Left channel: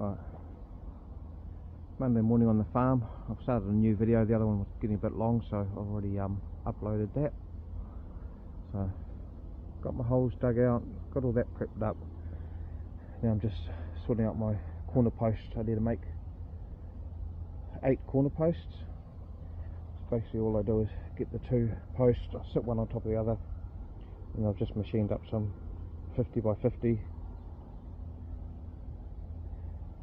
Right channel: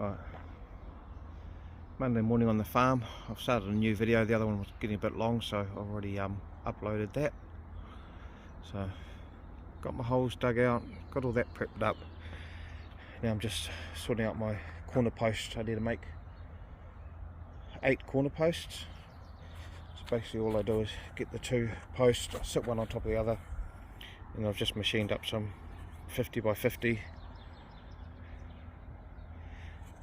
Right. Monday morning on the farm. I've started a new video. The other one was getting a bit long, so I've already uploaded that. So got my holes dug out, got all that prepped up. Now I'm just sorting out my corner posts. I need to make 8 corner posts. So basically all I do is get the 2 posts, sit one on top of the other, and I've just machined up some 50 by 50,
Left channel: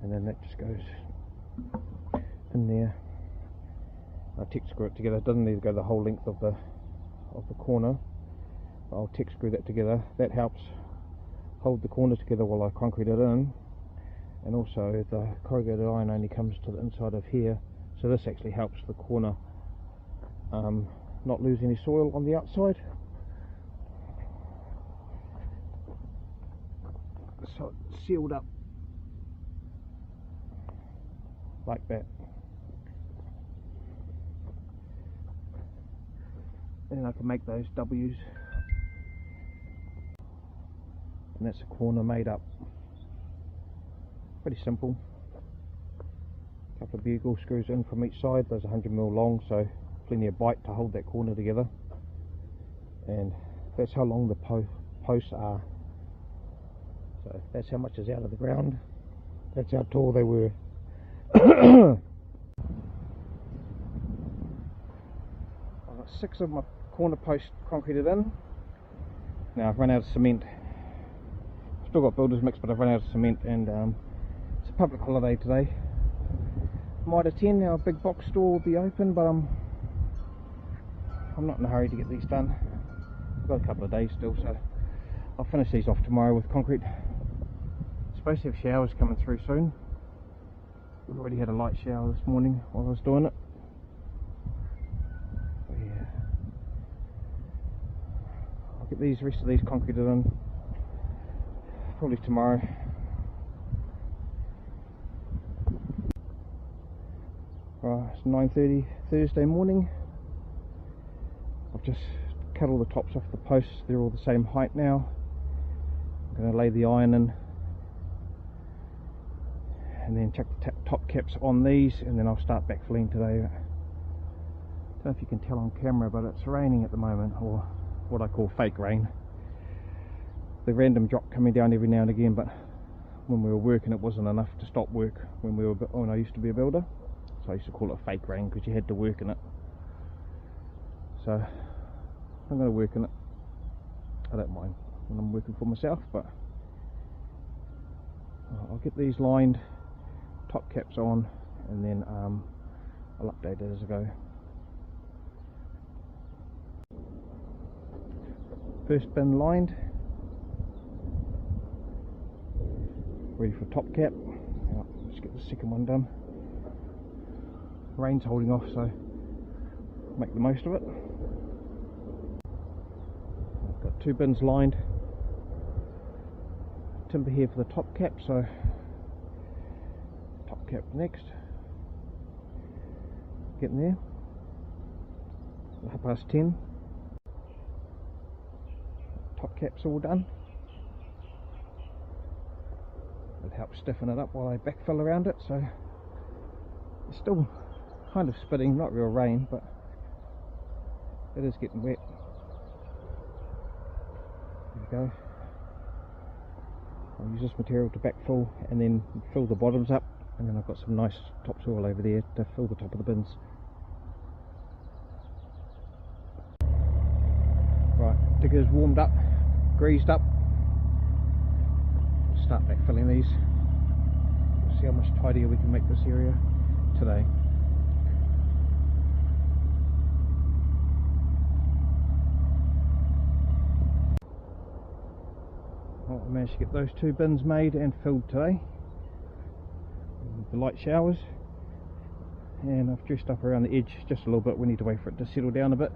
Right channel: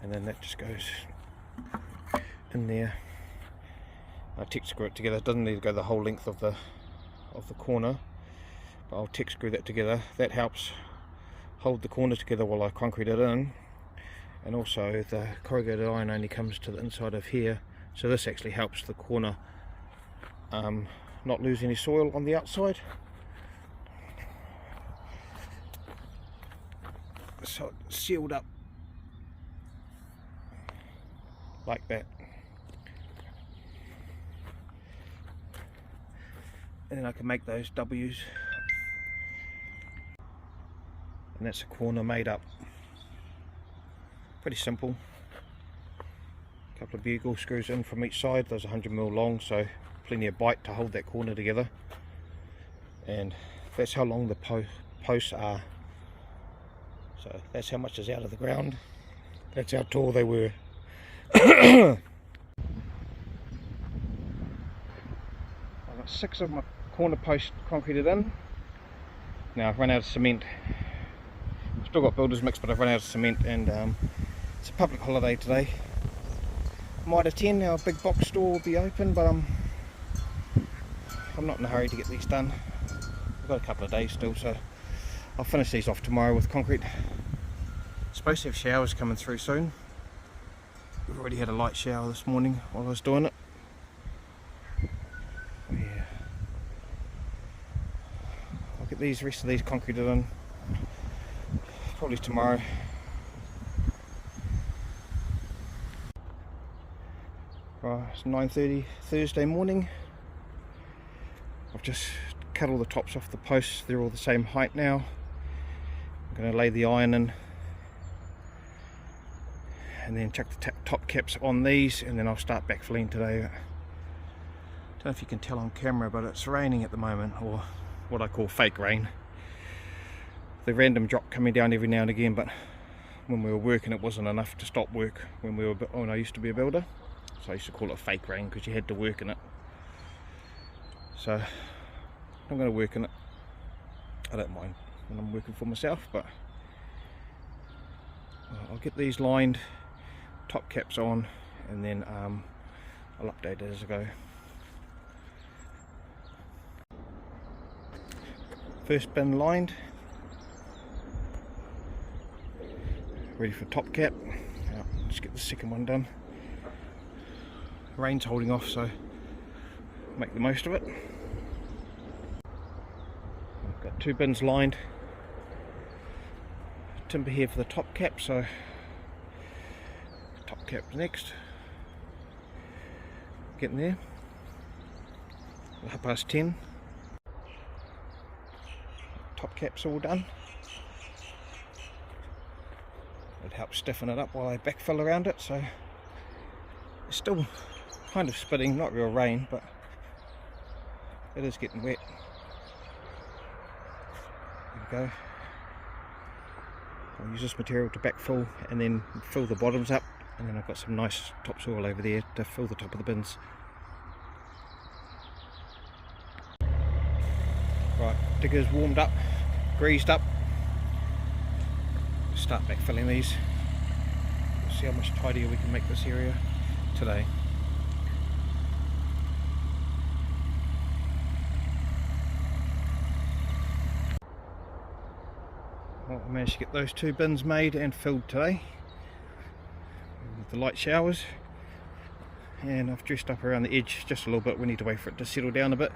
and then that just goes in there. I Tek screw it together. It doesn't need to go the whole length of the corner, but I'll Tek screw that together. That helps hold the corner together while I concrete it in, and also the corrugated iron only comes to the inside of here, so this actually helps the corner not lose any soil on the outside. So it's sealed up like that, and then I can make those W's, and that's a corner made up. Pretty simple. A couple of bugle screws in from each side. Those are 100mm long, so plenty of bite to hold that corner together, and that's how long the posts are. So that's how much is out of the ground. That's how tall they were. I've got 6 of my corner posts concreted in. Now I've run out of cement. I've still got builder's mix, but I've run out of cement, and it's a public holiday today. Mitre 10, our big box store will be open, but I'm not in a hurry to get these done. I've got a couple of days still, so I'll finish these off tomorrow with concrete. Supposed to have showers coming through soon. We've already had a light shower this morning while I was doing it. Yeah. I'll get the rest of these concreted in probably tomorrow. Right, it's 9:30 Thursday morning. I've just cut all the tops off the posts. They're all the same height now. I'm going to lay the iron in, and then chuck the top caps on these, and then I'll start backfilling today. Don't know if you can tell on camera, but it's raining at the moment, or what I call fake rain. The random drop coming down every now and again, but when we were working it wasn't enough to stop work when I used to be a builder. So I used to call it fake rain because you had to work in it. So I'm going to work in it. I don't mind when I'm working for myself, but I'll get these lined, top caps on, and then I'll update it as I go. First bin lined, ready for top cap. Let's get the second one done. Rain's holding off, so make the most of it. I've got 2 bins lined. Timber here for the top cap, so top cap next. Getting there. 10:30. Top cap's all done. It helps stiffen it up while I backfill around it, so it's still kind of spitting, not real rain, but it is getting wet. There we go. I'll use this material to backfill and then fill the bottoms up, and then I've got some nice topsoil over there to fill the top of the bins. Right, digger's warmed up, greased up. We'll start backfilling these. We'll see how much tidier we can make this area today. Well, I managed to get those 2 bins made and filled today with the light showers, and I've dressed up around the edge just a little bit. We need to wait for it to settle down a bit,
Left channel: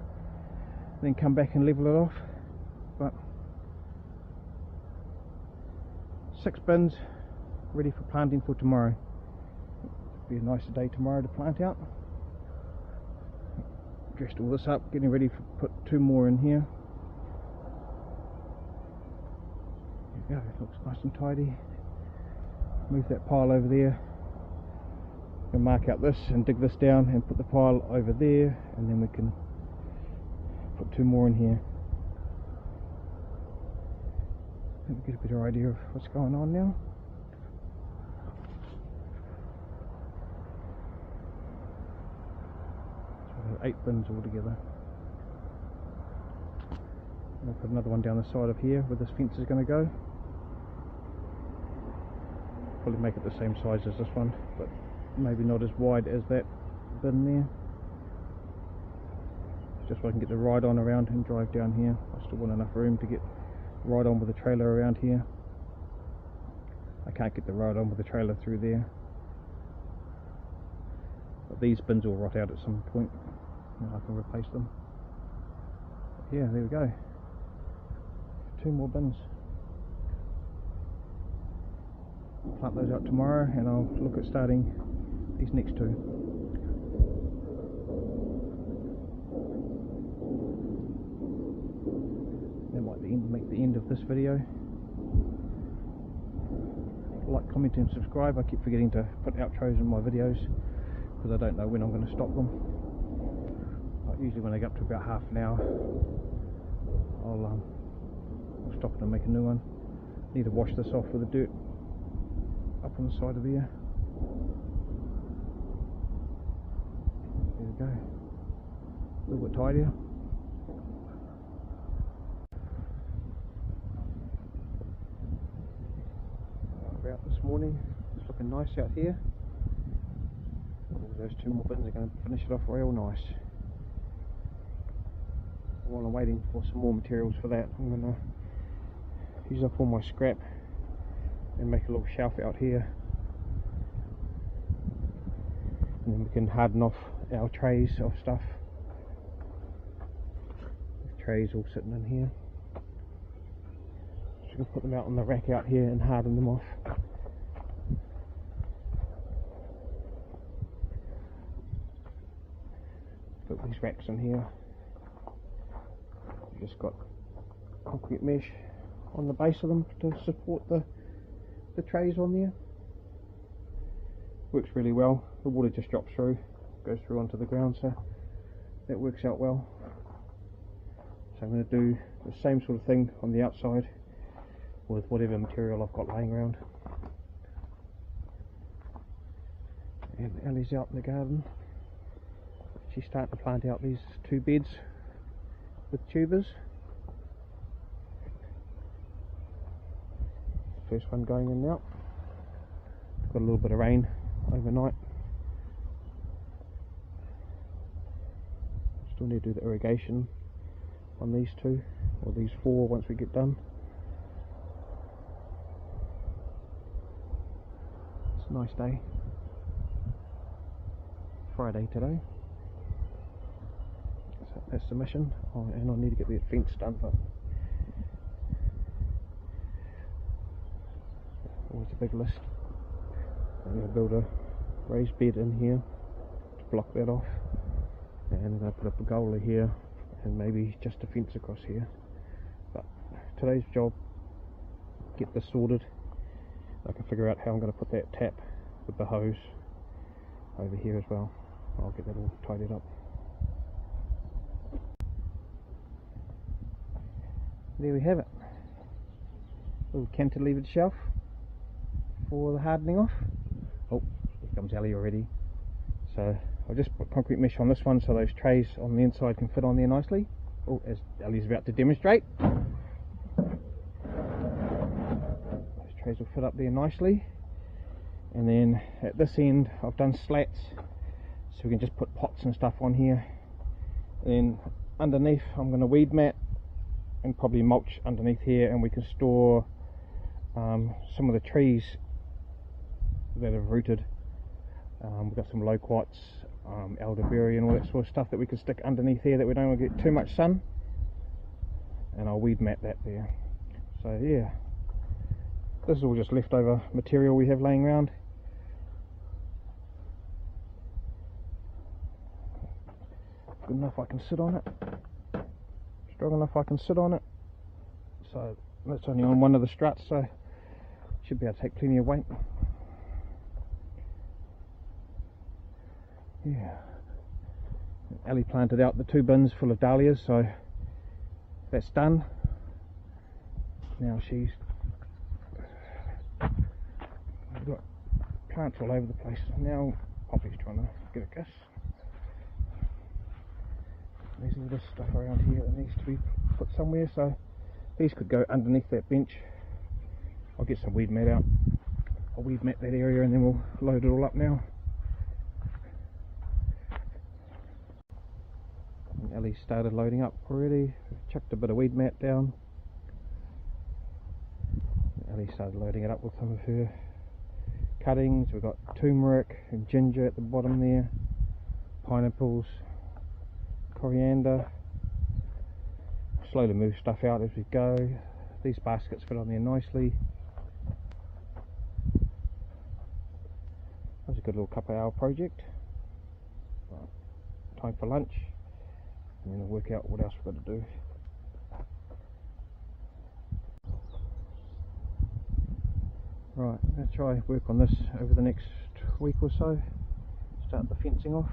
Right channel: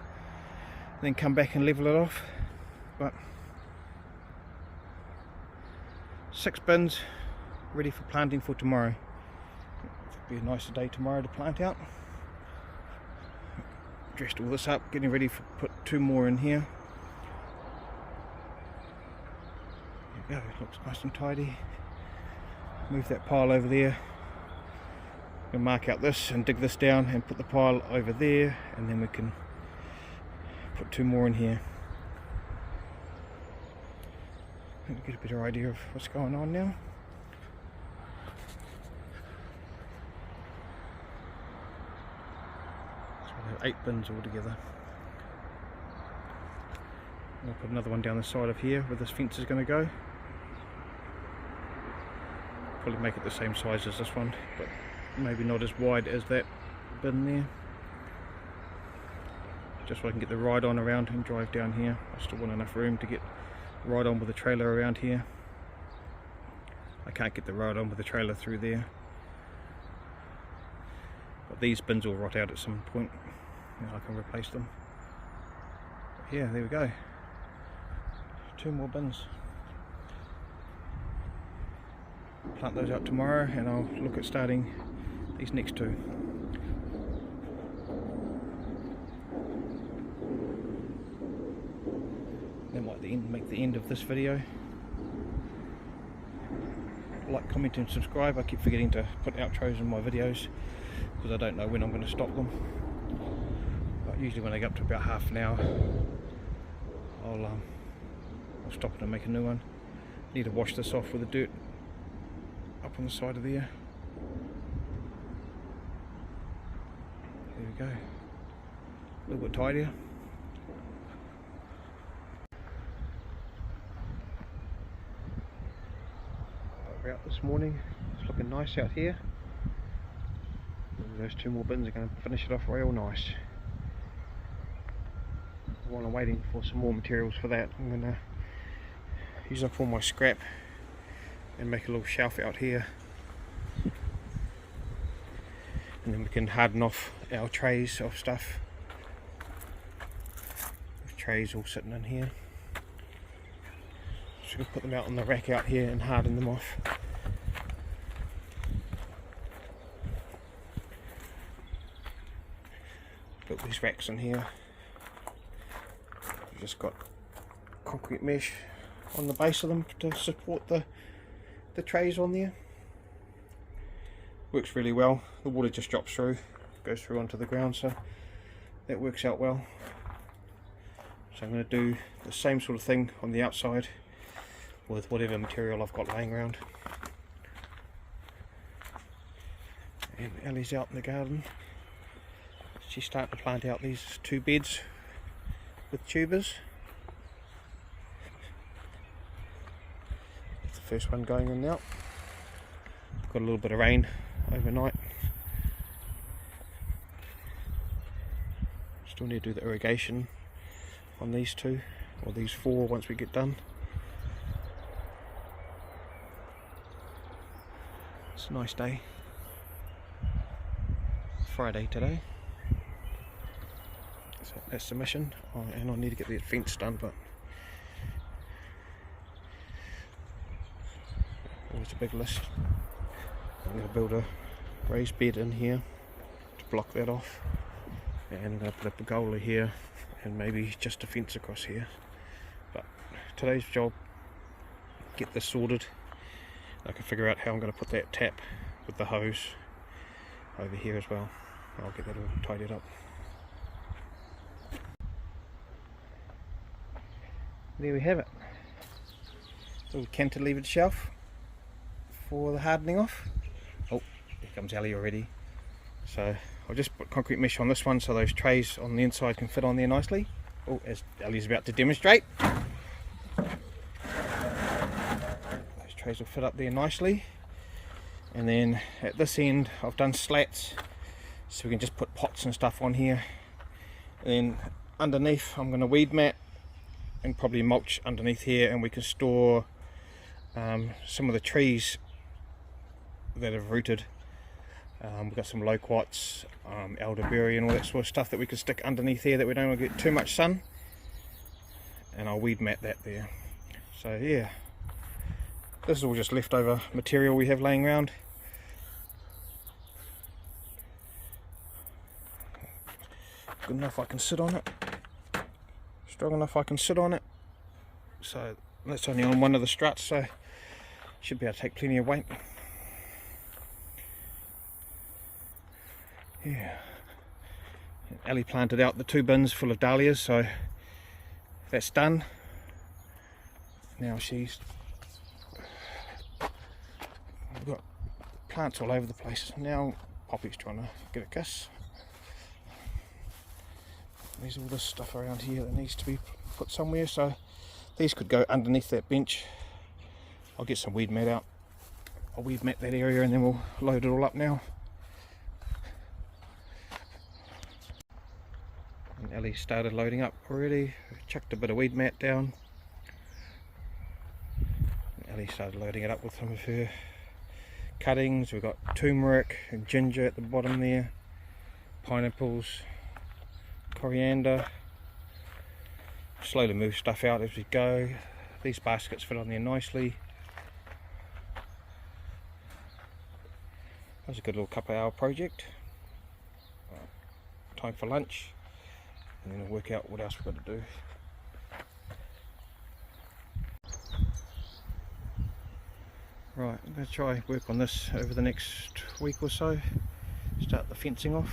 then come back and level it off. But 6 bins ready for planting for tomorrow. It'll be a nicer day tomorrow to plant out. Dressed all this up, getting ready for put 2 more in here. There we go, it looks nice and tidy. move that pile over there. We'll mark out this and dig this down and put the pile over there, and then we can put 2 more in here. Get a better idea of what's going on now. So we'll have 8 bins altogether. And I'll put another one down the side of here where this fence is going to go. Probably make it the same size as this one, but maybe not as wide as that bin there. Just so I can get the ride on around and drive down here. I still want enough room to get ride on with the trailer around here. I can't get the ride on with the trailer through there, but these bins will rot out at some point and I can replace them. But yeah, there we go, 2 more bins. Plant those out tomorrow and I'll look at starting these next 2. That might make the end of this video. Like, comment and subscribe. I keep forgetting to put outros in my videos because I don't know when I'm going to stop them. But usually when I get up to about half an hour, I'll stop it and make a new one. Need to wash this off with the dirt up on the side of there. There we go. A little bit tidier. We're out this morning. It's looking nice out here. Those 2 more bins are going to finish it off real nice. While I'm waiting for some more materials for that, I'm going to use up all my scrap and make a little shelf out here, and then we can harden off our trays of stuff. The trays all sitting in here, so we can put them out on the rack out here and harden them off. Put these racks in here. We've just got concrete mesh on the base of them to support the trays on there. Works really well. The water just drops through, goes through onto the ground, so that works out well. So I'm going to do the same sort of thing on the outside with whatever material I've got laying around. And Ellie's out in the garden. She's starting to plant out these 2 beds with tubers. First one going in now. Got a little bit of rain overnight. Still need to do the irrigation on these 2 or these 4 once we get done. It's a nice day. Friday today. So that's the mission. And I need to get the fence done, but always a big list. I'm going to build a raised bed in here to block that off, and I'm going to put a pergola here and maybe just a fence across here. But today's job, get this sorted. I can figure out how I'm going to put that tap with the hose over here as well. I'll get that all tidied up. There we have it. Little cantilevered shelf for the hardening off. Oh, here comes Ellie already. So I'll just put concrete mesh on this one so those trays on the inside can fit on there nicely. Oh, as Ellie's about to demonstrate. Those trays will fit up there nicely. And then at this end I've done slats so we can just put pots and stuff on here. And then underneath I'm going to weed mat and probably mulch underneath here, and we can store some of the trees that have rooted. We've got some loquats, elderberry and all that sort of stuff that we can stick underneath here that we don't want to get too much sun, and I'll weed mat that there. So yeah, this is all just leftover material we have laying around. Good enough I can sit on it, strong enough I can sit on it. So that's only on one of the struts, so should be able to take plenty of weight. Yeah. Ellie planted out the 2 bins full of dahlias, so that's done. Now she's got plants all over the place. Now Poppy's trying to get a kiss. There's all this stuff around here that needs to be put somewhere, so these could go underneath that bench. I'll get some weed mat out. I'll weed mat that area and then we'll load it all up now. And Ellie started loading up already. Chucked a bit of weed mat down. Ellie started loading it up with some of her cuttings. We've got turmeric and ginger at the bottom there, pineapples, coriander. Slowly move stuff out as we go. These baskets fit on there nicely. That was a good little couple of hour project. Time for lunch, and then I'll work out what else we've got to do. Right, I'm going to try work on this over the next week or so. Start the fencing off.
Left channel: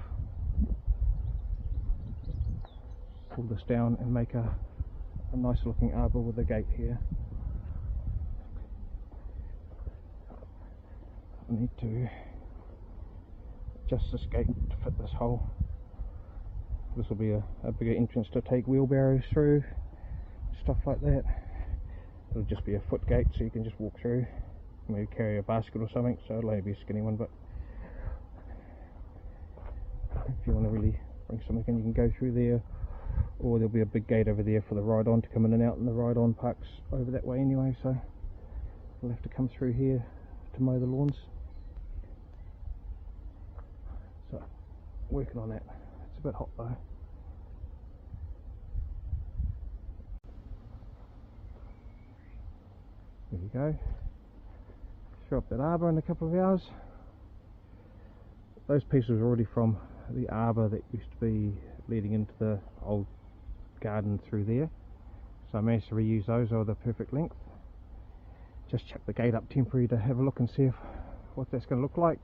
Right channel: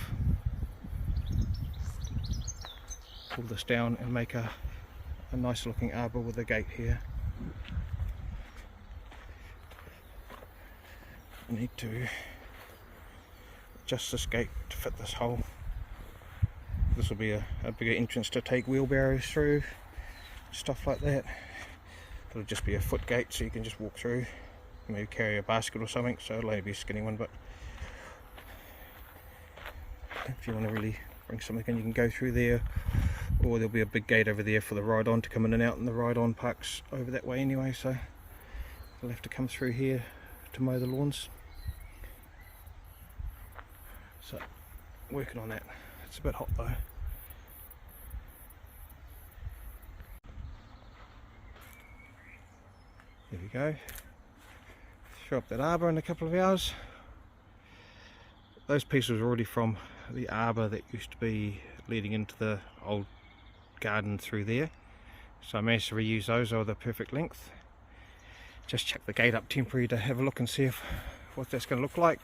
Pull this down and make a nice looking arbour with a gate here. I need to adjust this gate to fit this hole. This will be a bigger entrance to take wheelbarrows through, stuff like that. It'll just be a foot gate so you can just walk through, maybe carry a basket or something, so it'll only be a skinny one, but if you want to really bring something in, you can go through there, or there'll be a big gate over there for the ride-on to come in and out, and the ride-on parks over that way anyway, so you'll have to come through here to mow the lawns. So, working on that. It's a bit hot though. There we go. Throw up that arbour in a couple of hours. Those pieces are already from the arbour that used to be leading into the old garden through there. So I managed to reuse those. They were the perfect length. Just chuck the gate up temporary to have a look and see what that's going to look like.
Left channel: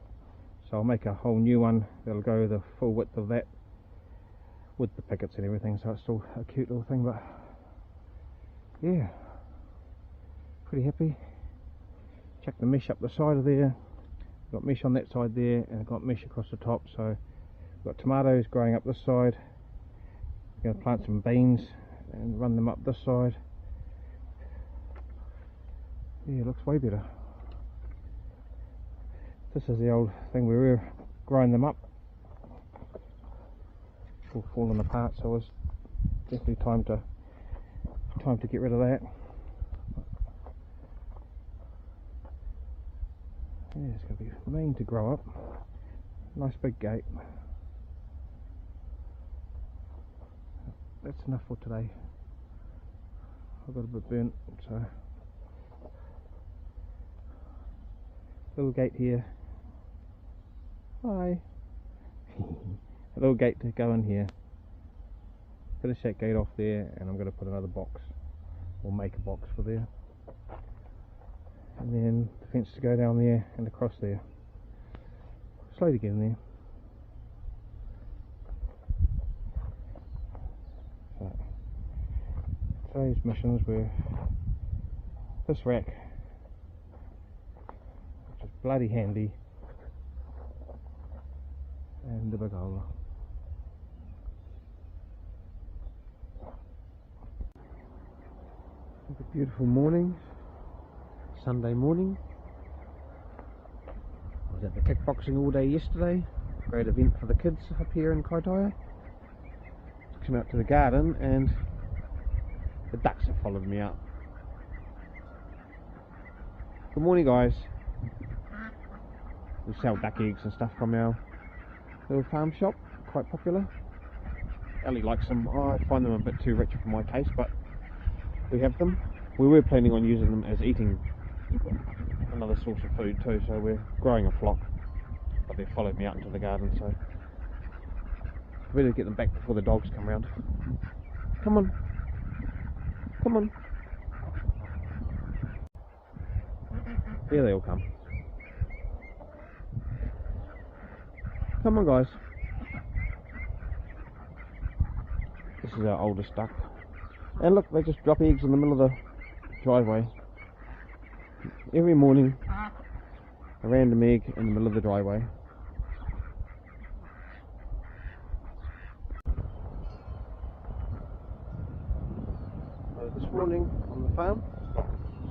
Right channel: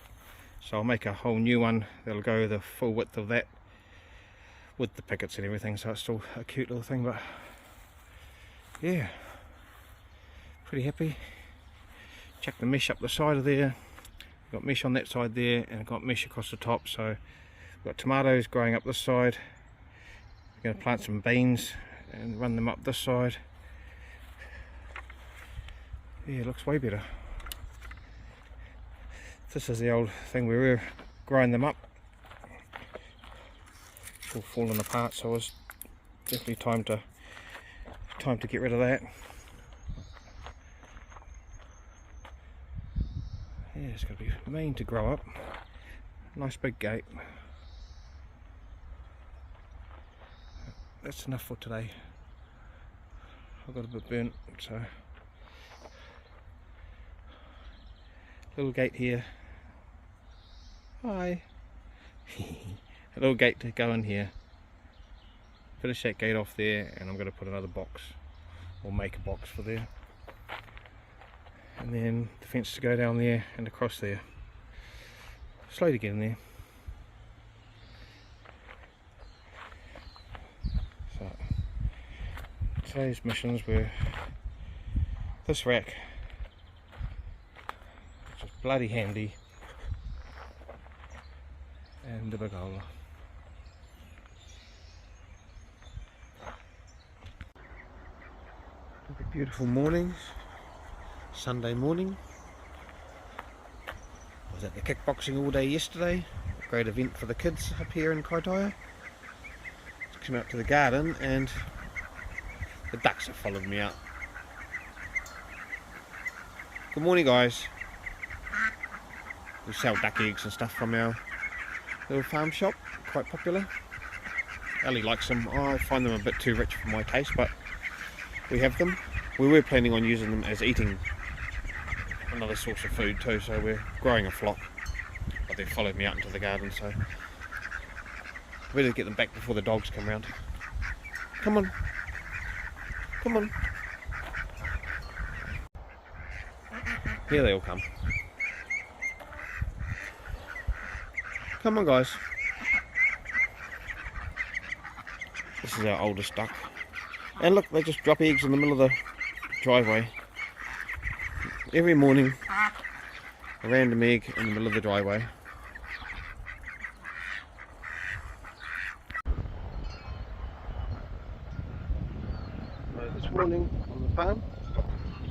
So I'll make a whole new one that'll go the full width of that with the pickets and everything, so it's still a cute little thing, but yeah, pretty happy. Chuck the mesh up the side of there. Got mesh on that side there, and I've got mesh across the top, so I've got tomatoes growing up this side. I'm going to plant some beans and run them up this side. Yeah, it looks way better. This is the old thing we were growing them up. It's all falling apart, so it was definitely time to get rid of that. Yeah, it's going to be mean to grow up. Nice big gate. That's enough for today. I've got a bit burnt, so little gate here. Hi. A little gate to go in here. Finish that gate off there, and I'm going to put another box, or make a box for there. And then the fence to go down there and across there. Slowly getting there. So today's missions were this rack, which is bloody handy, and the bagola. Look at beautiful mornings. Sunday morning. I was at the kickboxing all day yesterday. Great event for the kids up here in Kaitaia. Just come out to the garden and the ducks have followed me out. Good morning, guys. We sell duck eggs and stuff from our little farm shop. Quite popular. Ellie likes them. I find them a bit too rich for my taste, but we have them. We were planning on using them as eating another source of food too, so we're growing a flock, but they've followed me out into the garden, so I better get them back before the dogs come round. Come on, come on. Here they all come. Come on, guys. This is our oldest duck. And look, they just drop eggs in the middle of the driveway. Every morning, a random egg in the middle of the driveway. This morning on the farm,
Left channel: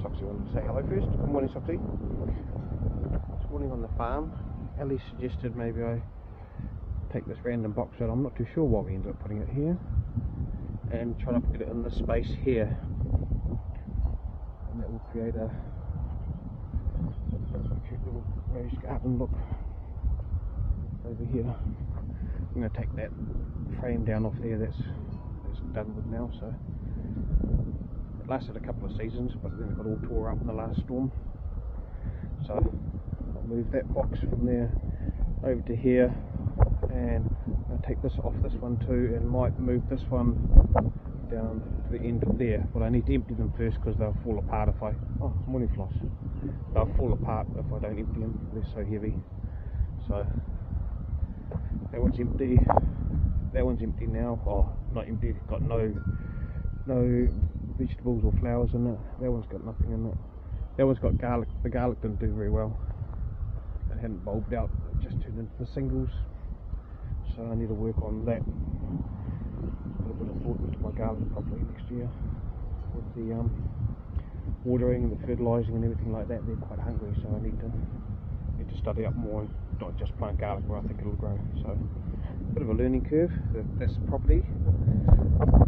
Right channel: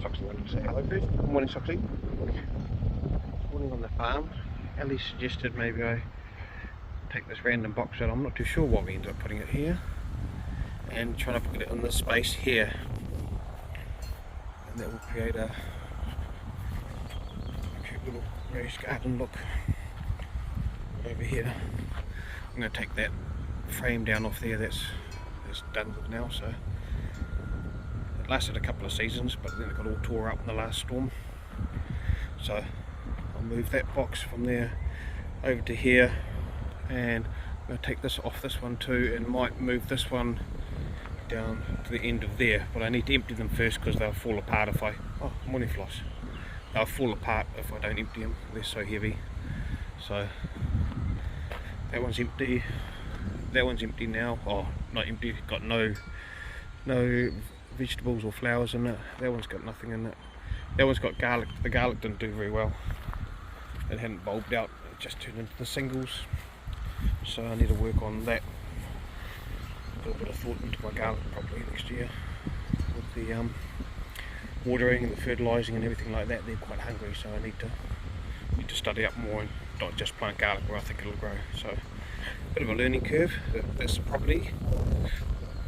Soxy wanted to say hello first. Good morning, Soxy. This morning on the farm, Ellie suggested maybe I take this random box out. I'm not too sure why we ended up putting it here, and try to put it in this space here, and that will create a cute little raised garden look over here. I'm going to take that frame down off there. That's done with now. So it lasted a couple of seasons, but then it got all tore up in the last storm. So I'll move that box from there over to here, and I'm going to take this off this one too, and might move this one down to the end of there. But I need to empty them first because they'll fall apart if I... Oh, morning floss. They'll fall apart if I don't empty them. They're so heavy. So that one's empty. That one's empty now. Oh, not empty. Got no vegetables or flowers in it. That one's got nothing in it. That one's got garlic. The garlic didn't do very well. It hadn't bulbed out. It just turned into the singles. So I need to work on that. Put a bit of thought into my garlic probably next year. With the watering and the fertilising and everything like that, they're quite hungry. So I need to study up more and not just plant garlic where I think it'll grow. So bit of a learning curve. This property,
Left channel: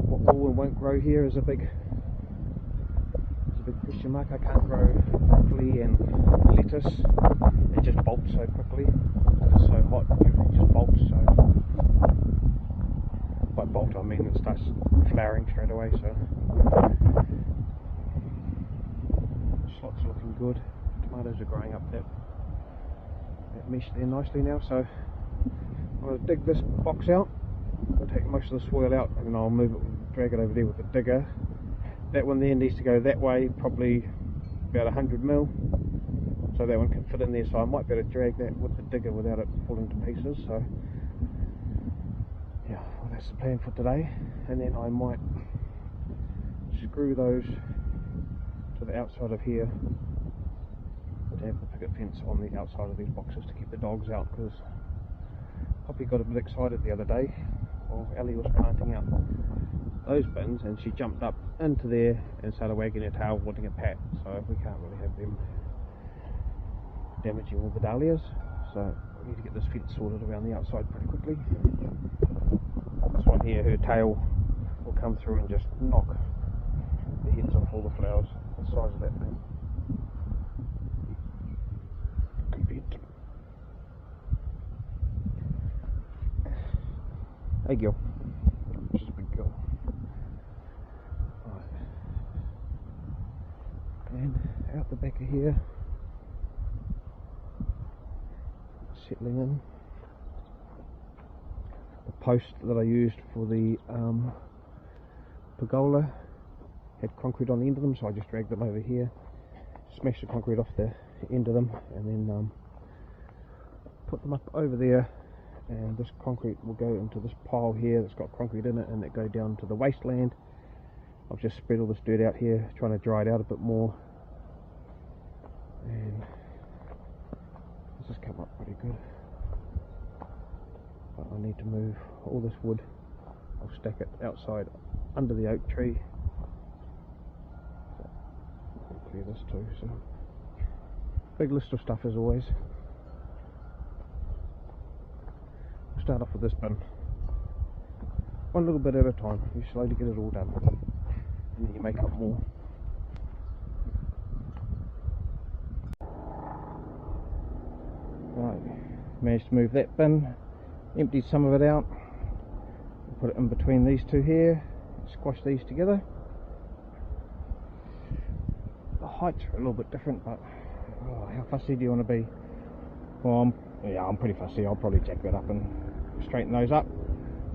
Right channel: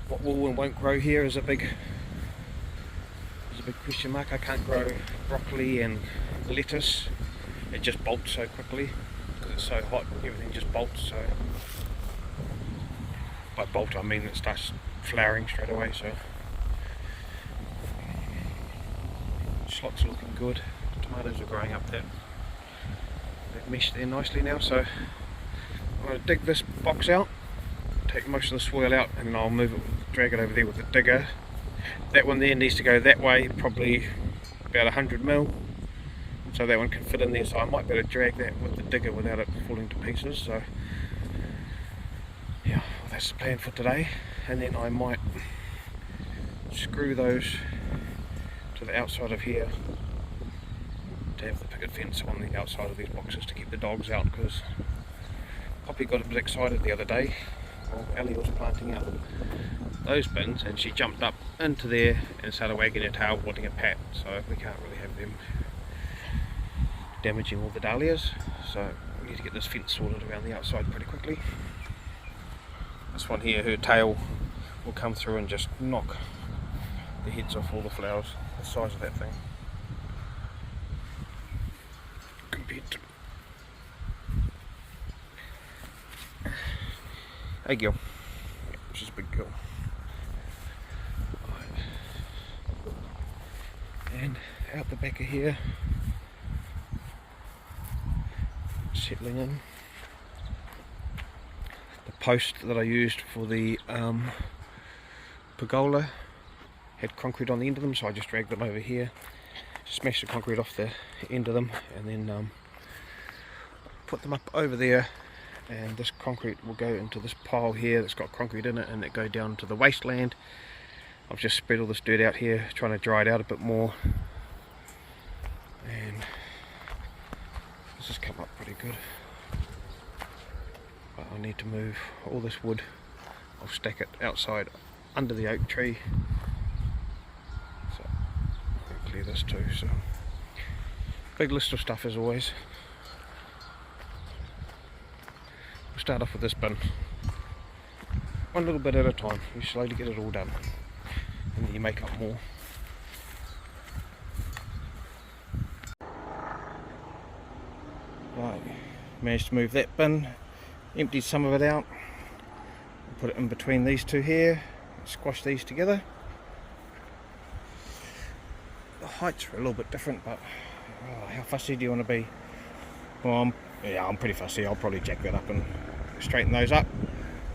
what will and won't grow here is a big question mark. I can't grow broccoli and lettuce. It just bolts so quickly because it's so hot. Everything just bolts. So by bolt I mean it starts flowering straight away. So schlots are looking good. The tomatoes are growing up that mesh there nicely now. So I'm going to dig this box out, take most of the soil out, and then I'll move it, drag it over there with the digger. That one there needs to go that way, probably about 100 mil, so that one can fit in there. So I might be able to drag that with the digger without it falling to pieces. So yeah, well, that's the plan for today. And then I might screw those to the outside of here to have the picket fence on the outside of these boxes to keep the dogs out, because Poppy got a bit excited the other day while Ellie was planting out those bins, and she jumped up into there and started wagging her tail wanting a pat. So we can't really have them damaging all the dahlias, so we need to get this fence sorted around the outside pretty quickly. This one here, her tail will come through and just knock the heads off all the flowers, the size of that thing compared to... Hey girl, she's a big girl. Right. And out the back of here, settling in. The post that I used for the pergola had concrete on the end of them, so I just dragged them over here, smashed the concrete off the end of them, and then put them up over there. And this concrete will go into this pile here that's got concrete in it, and it go down to the wasteland. I've just spread all this dirt out here, trying to dry it out a bit more, and this has come up pretty good. But I need to move all this wood. I'll stack it outside under the oak tree, so I'll clear this too. So big list of stuff as always. We'll start off with this bin, one little bit at a time. You slowly get it all done, and then you make up more. Right, managed to move that bin, emptied some of it out, put it in between these two here, squash these together. The heights are a little bit different, but how fussy do you want to be? Well, I'm pretty fussy. I'll probably jack that up and straighten those up,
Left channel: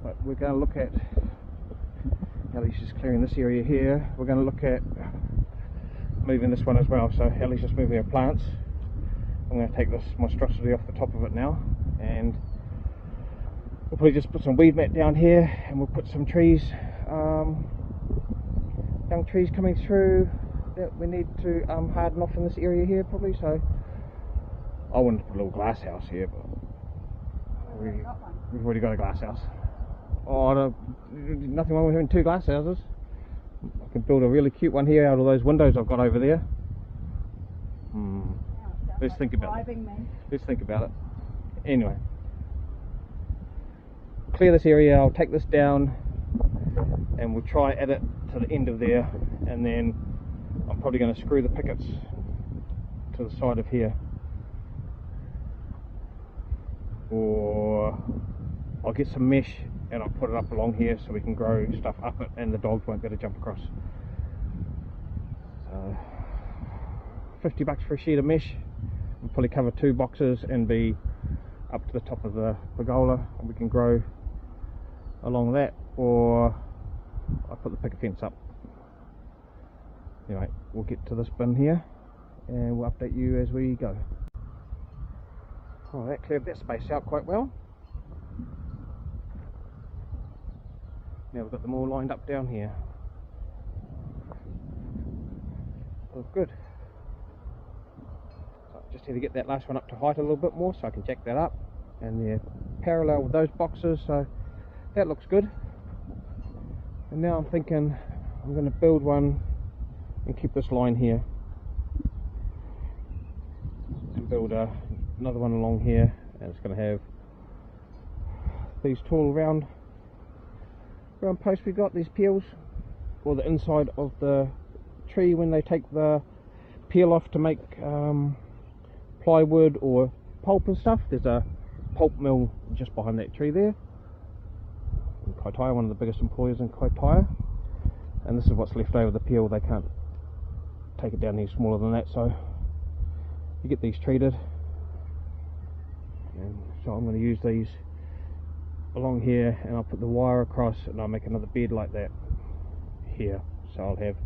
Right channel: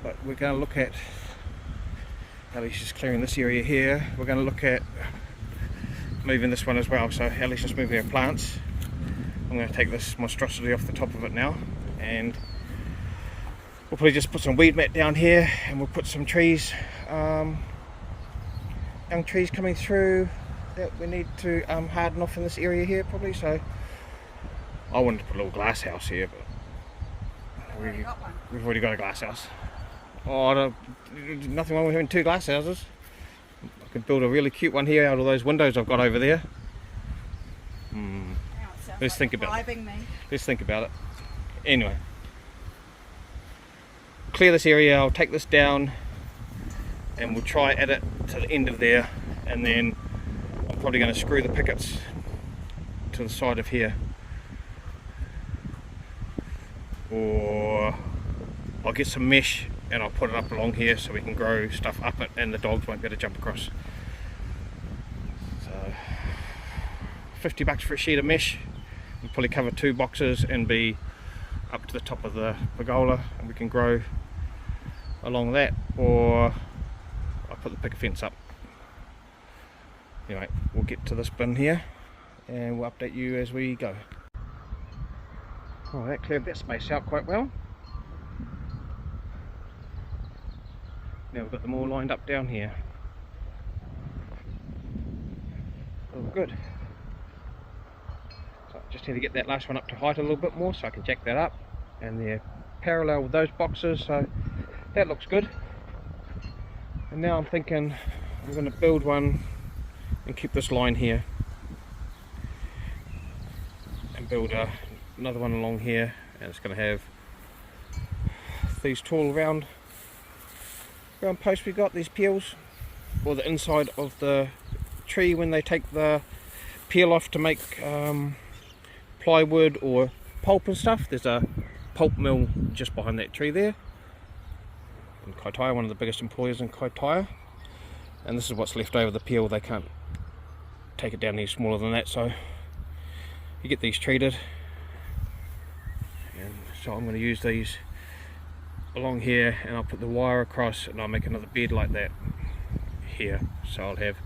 but we're going to look at, Ellie's just clearing this area here, we're going to look at moving this one as well. So Ellie's just moving her plants. I'm going to take this monstrosity off the top of it now, and we'll probably just put some weed mat down here, and we'll put some trees young trees coming through that we need to harden off in this area here probably. So I wanted to put a little glass house here, but we've already got a glass house. Oh, nothing wrong with having 2 glass houses. I can build a really cute one here out of those windows I've got over there. Let's think about it. Let's think about it. Anyway, we'll clear this area, I'll take this down and we'll try add it to the end of there, and then I'm probably going to screw the pickets to the side of here, or I'll get some mesh and I'll put it up along here so we can grow stuff up it and the dogs won't be able to jump across. So $50 for a sheet of mesh. We'll probably cover 2 boxes and be up to the top of the pergola, and we can grow along that, or I'll put the picket fence up. Anyway, we'll get to this bin here and we'll update you as we go. Oh, that cleared that space out quite well. Now we've got them all lined up down here. Oh, good. So I just need to get that last one up to height a little bit more so I can jack that up, and they're parallel with those boxes, so that looks good. And now I'm thinking I'm going to build one and keep this line here, and build another one along here, and it's going to have these tall round posts we got, these peels, or the inside of the tree when they take the peel off to make plywood or pulp and stuff. There's a pulp mill just behind that tree there in Kaitaia, one of the biggest employers in Kaitaia, and this is what's left over the peel. They can't take it down any smaller than that, so you get these treated, and so I'm going to use these along here, and I'll put the wire across and I'll make another bed like that here, so I'll have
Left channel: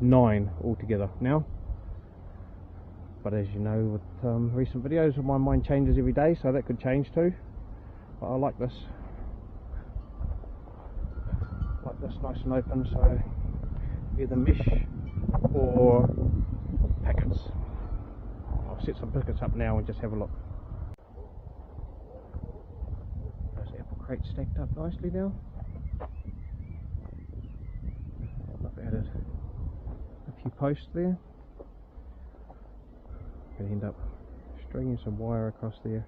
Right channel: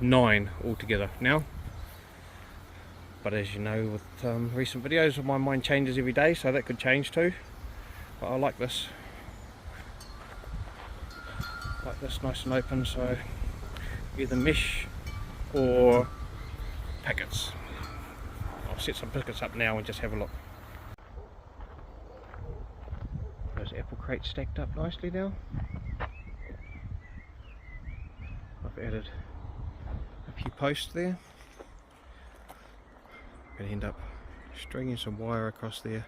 9 altogether now. But as you know, with recent videos, my mind changes every day, so that could change too. But I like this nice and open, so either mesh or pickets. I'll set some pickets up now and just have a look. Those apple crates stacked up nicely now. I've added a few posts there. I'm going to end up stringing some wire across there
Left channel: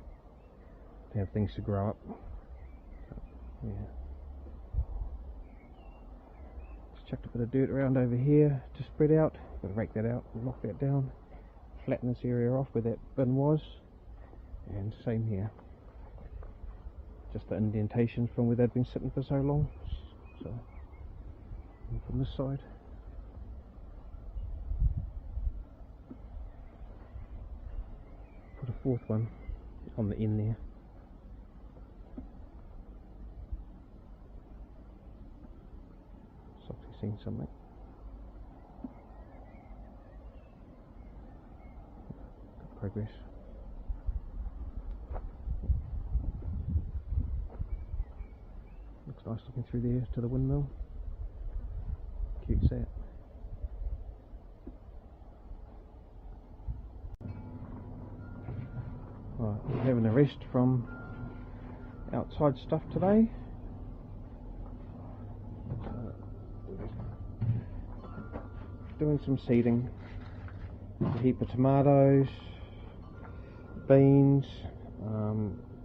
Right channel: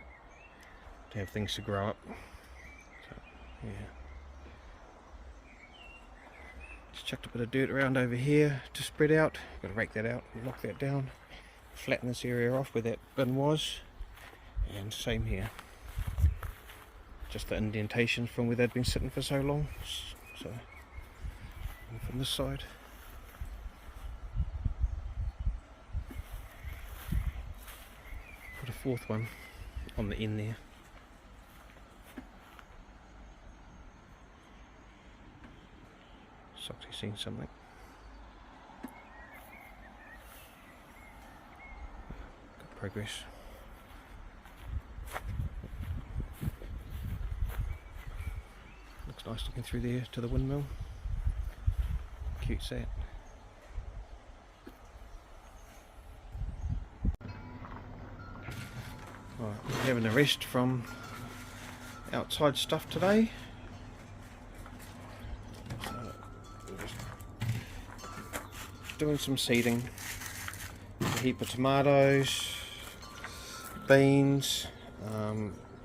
to have things to grow up. So, yeah. Just chucked a bit of dirt around over here to spread out. Got to rake that out and knock that down, flatten this area off where that bin was, and same here. Just the indentations from where they'd been sitting for so long. So, and from this side. Put a 4th one on the end there. Soxy's seen something. Good progress. Looks nice looking through there to the windmill. Cute set. Right, we're having a rest from outside stuff today. We're just doing some seeding. A heap of tomatoes, beans,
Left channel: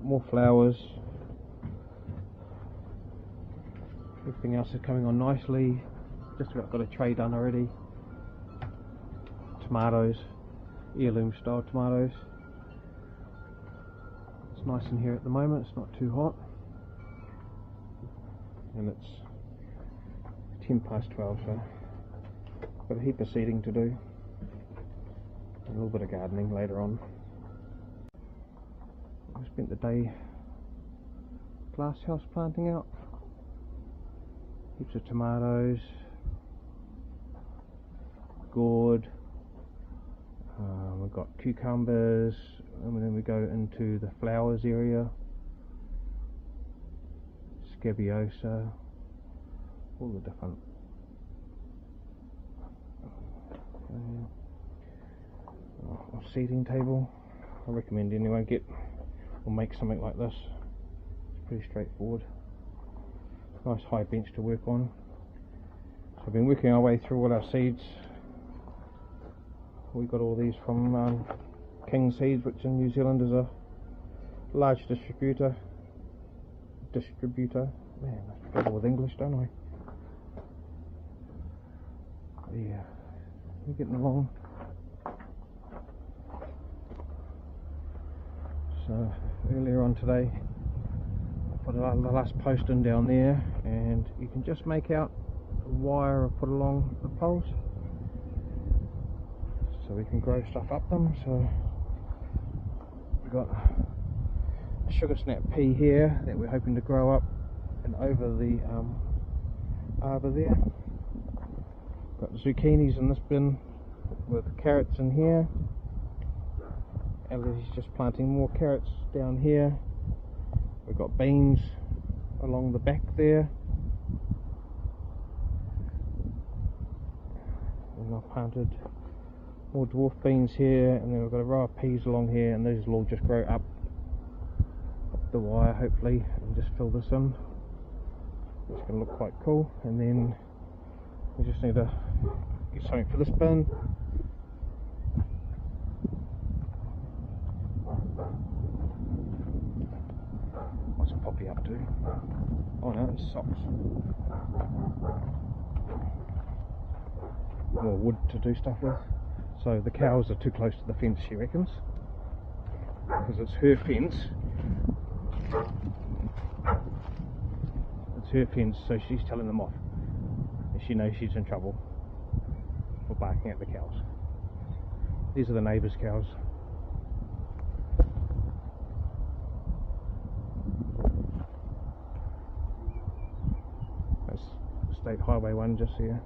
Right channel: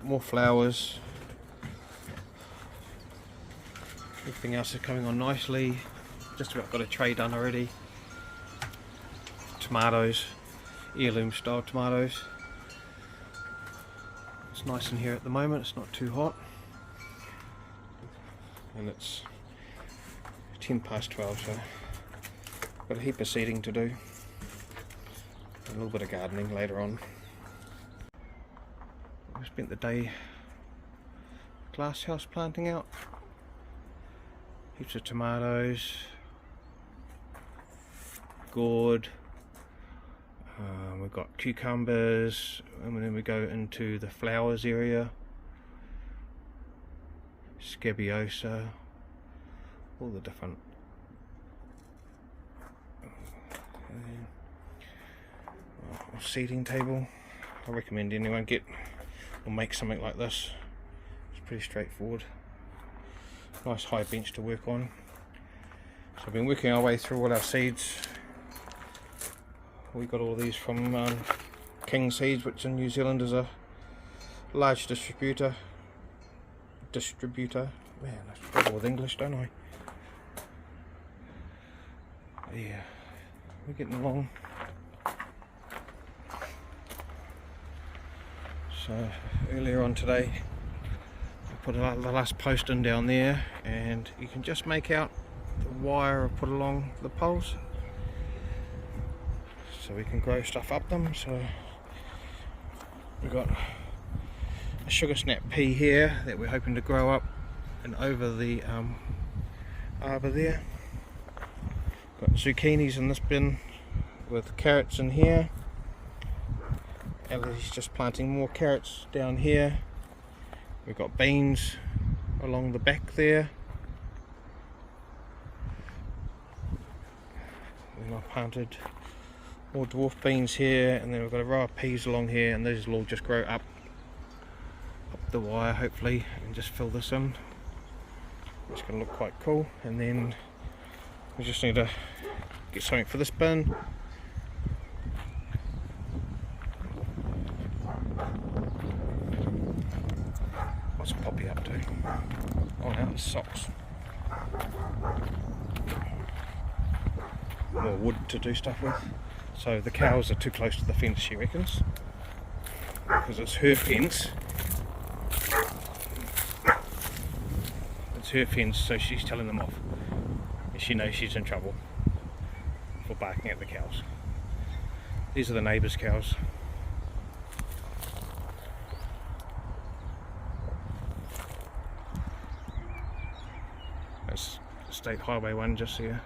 more flowers. Everything else is coming on nicely. Just about got a tray done already. Tomatoes, heirloom style tomatoes. It's nice in here at the moment, it's not too hot. And it's 12:10, so got a heap of seeding to do. A little bit of gardening later on. We spent the day glass house planting out. Heaps of tomatoes, gourd, we've got cucumbers, and then we go into the flowers area, scabiosa, all the different seating table. I recommend anyone get or make something like this. It's pretty straightforward. Nice high bench to work on. So I've been working our way through all our seeds. We got all these from King Seeds, which in New Zealand is a large distributor. Man, I struggle with English, don't I? Yeah, we're getting along. So earlier on today, I put the last post in down there, and you can just make out the wire I put along the poles, so we can grow stuff up them. So we've got a sugar snap pea here that we're hoping to grow up and over the arbor there. Got zucchinis in this bin with carrots in here. Ellie's just planting more carrots down here. We've got beans along the back there. And I planted more dwarf beans here, and then we've got a row of peas along here, and those will all just grow up the wire hopefully and just fill this in. It's going to look quite cool. And then we just need to get something for this bin. What's Poppy up to? Oh, now there's socks. More wood to do stuff with. So the cows are too close to the fence, she reckons, because it's her fence. It's her fence, so she's telling them off. And she knows she's in trouble for barking at the cows. These are the neighbours' cows. That's State Highway 1 just here,